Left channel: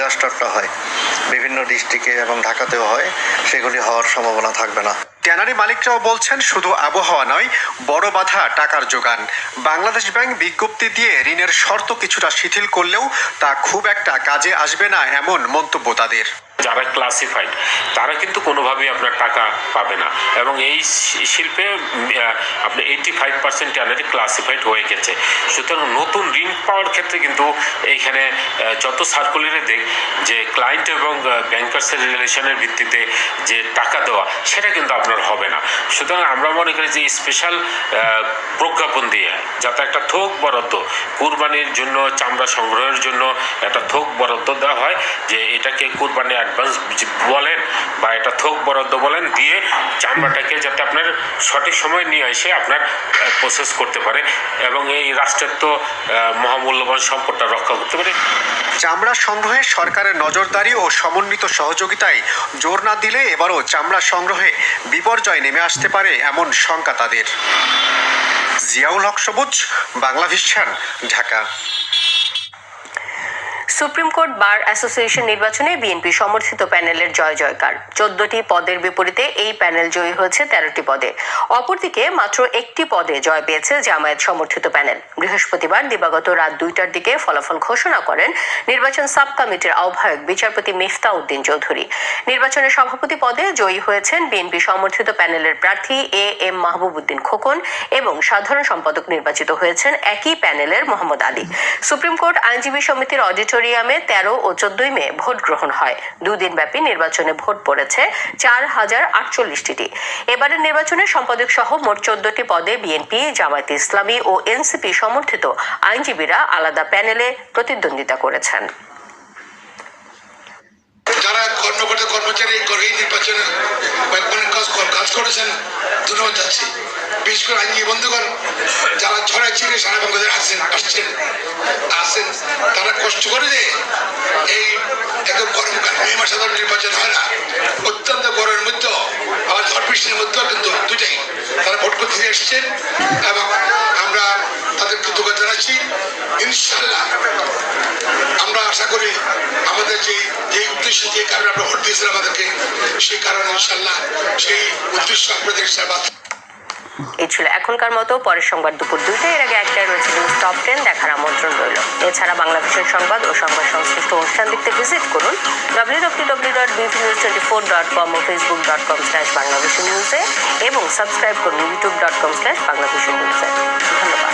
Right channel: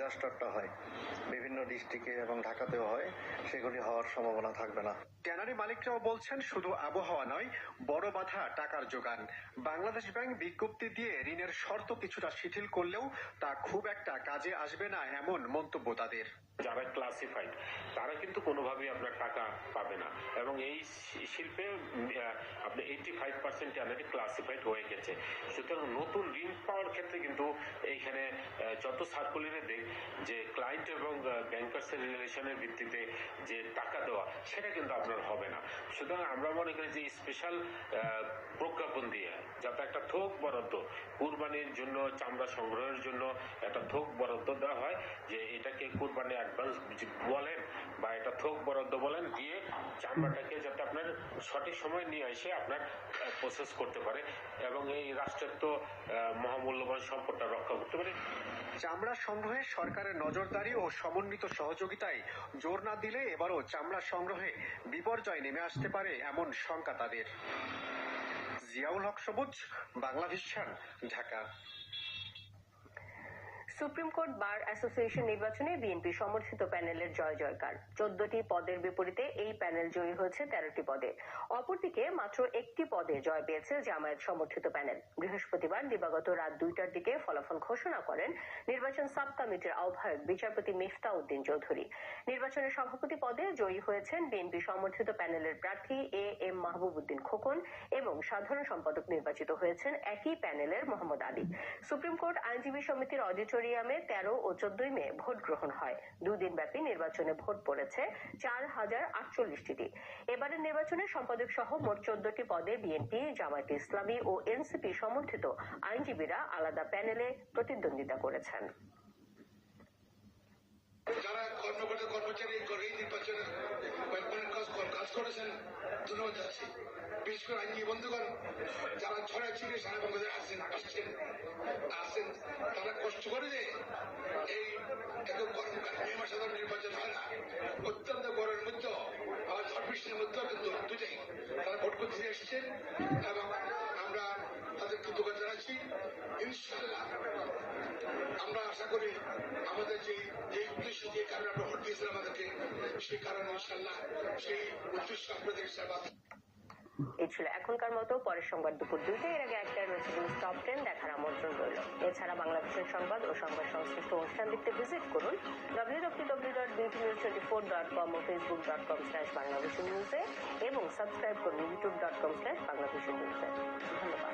ডিজাস্টারটা হয়, বিভিন্ন ডিস্ট্রিক্টে এবং ঢাকাতেও হয়, সেগুলি হওয়ার সম্ভাবনা থাকবে না। ট্যানারি মালিকরাও বলছেন শুধু আবহাওয়া নয়, বড় বাধা টাকার যোগান। বাংলাদেশ ব্যাংক বিজ্ঞপ্তি দিয়ে ঋণের শর্ত কিছুটা শিথিল করলেও তা খুব একটা কাজে আসবে না এমন মন্তব্য তাদের। যারা ক্লাসিফাইড তারা কিন্তু কোনোভাবেই আপনার টাকা পাবে না, এবং এই শিল্পে আপনার 85% ট্যানারি ক্লাসিফাইড হয়ে গেছে। সুতরাং নতুন ঋণ পাওয়ার ক্ষেত্রে কিন্তু এইখানে যত সার্কুলারে দেখ যে ক্লায়েন্ট এবং ব্যাংকার্সের রিলেশনের ভিত্তিতে যে টাকা দেওয়া, সেটা কিন্তু আপনার হবে না। সুতরাং আমরা মনে করি যে স্পেশাল প্রজ্ঞাপন দিয়ে যাতে একটা থোক বরাদ্দ কুরবানির জন্য, চামড়া সংগ্রহের জন্য একটা থোক বরাদ্দ দেওয়া হয়, যে এটাকে কুরবানি অ্যাডভান্স বলেন বা এটা থোক বরাদ্দ বলেন, দিয়ে চামড়াটাকে যাতে আপনার সঠিক সময় নিয়ে এসে আপনার প্রসেস করতে পারে এবং এই রাষ্ট্রের তো মহামূল্যবান সম্পদটা রক্ষা করতে পারে। চামড়া সংগ্রহে সরকারের নজরদারি ও সমন্বিত সহযোগিতায় জোর না দিলে এবারও চামড়া সংগ্রহে বিপর্যয় নেমে আসতে পারে এমন শঙ্কা তাদের। জিয়াউল হক সবুজ, Bangla vision, Dhaka. Supreme court bar association নির্বাচনে বিএনপি সমর্থিত প্যানেলের জয় জয়কার। 14টি পদের বিপরীতে এই প্যানেল জয়ী হয়েছে 13টি পদে। অপরদিকে মাত্র একটি পদে জয় পেয়েছে জামায়াত সমর্থিত প্যানেল। বৃহস্পতিবার দিবাগত রাত 2টার দিকে ফলাফল ঘোষণা করেন নির্বাচন সাব কমিটির আহ্বায়ক বিচারপতি মিফতা উদ্দিন চৌধুরী। নির্বাচনের সভাপতি পদে জয়ী হয়েছেন বিএনপি সমর্থিত প্যানেলের প্রার্থী এম মাহবুব উদ্দিন খোকন এবং সাধারণ সম্পাদক নির্বাচিত হয়েছেন একই প্যানেলের মোহাম্মদ আলী। সুপ্রিম কোর্ট আইনজীবী সমিতির অডিটোরিয়ামে 13 ও 14 মে ভোট গ্রহণ হয়। দুদিন ব্যাপী নির্বাচনে ভোট পড়েছে 4048টি। এবারের নির্বাচনে সম্পাদক সহ মোট 14টি পদে বিএনপি, জামায়াতে ইসলামী ও এনসিপি সমর্থিত আইনজীবীরা আলাদা প্যানেলে প্রতিদ্বন্দ্বিতা করেছেন। যারা কর্মকর্তা কর্মচারী এই নির্বাচনের কাজ করেছেন, ধন্যবাদ যাচ্ছি। বিশেষ করে আইনজীবী বন্ধুগণ যারা ছড়াই ছিঁড়ে সারা বাংলাদেশে আসেন, তারা কষ্ট করে যে এই একদম গরমকাল মে মাসে নির্বাচন হয় না, অত্যন্ত গরমের মধ্যে আবার ঝড় বৃষ্টির মধ্যেও কিন্তু দুটাই তারা ভোট করতে এসেছেন এবং আমরা তাদের কৃতজ্ঞতা জানাচ্ছি। ইনশাল্লাহ আমরা আশা করি আমাদের যে উদ্দেশ্যে যে কারণে আমরা ভোট দিয়েছিলাম আমাদেরকে, সেই কারণে ইনশাল্লাহ সেই উদ্দেশ্য আপনাদের এই ছিল এখনকার মতো। পরের সংবাদ দুপুর 2টায়, এর আগে একটাই রয়েছে নিউজ টপ 10 দেখার আমন্ত্রণ রইল। এছাড়া বাংলা ভিশন সংবাদ ও সংবাদ সংশ্লিষ্ট অনুষ্ঠান দেখতে ভিজিট করুন www.bvnews24.com ও facebook.com/banglavishnewse এবং সাবস্ক্রাইব করুন youtube.com/banglavishnewse। ধন্যবাদ।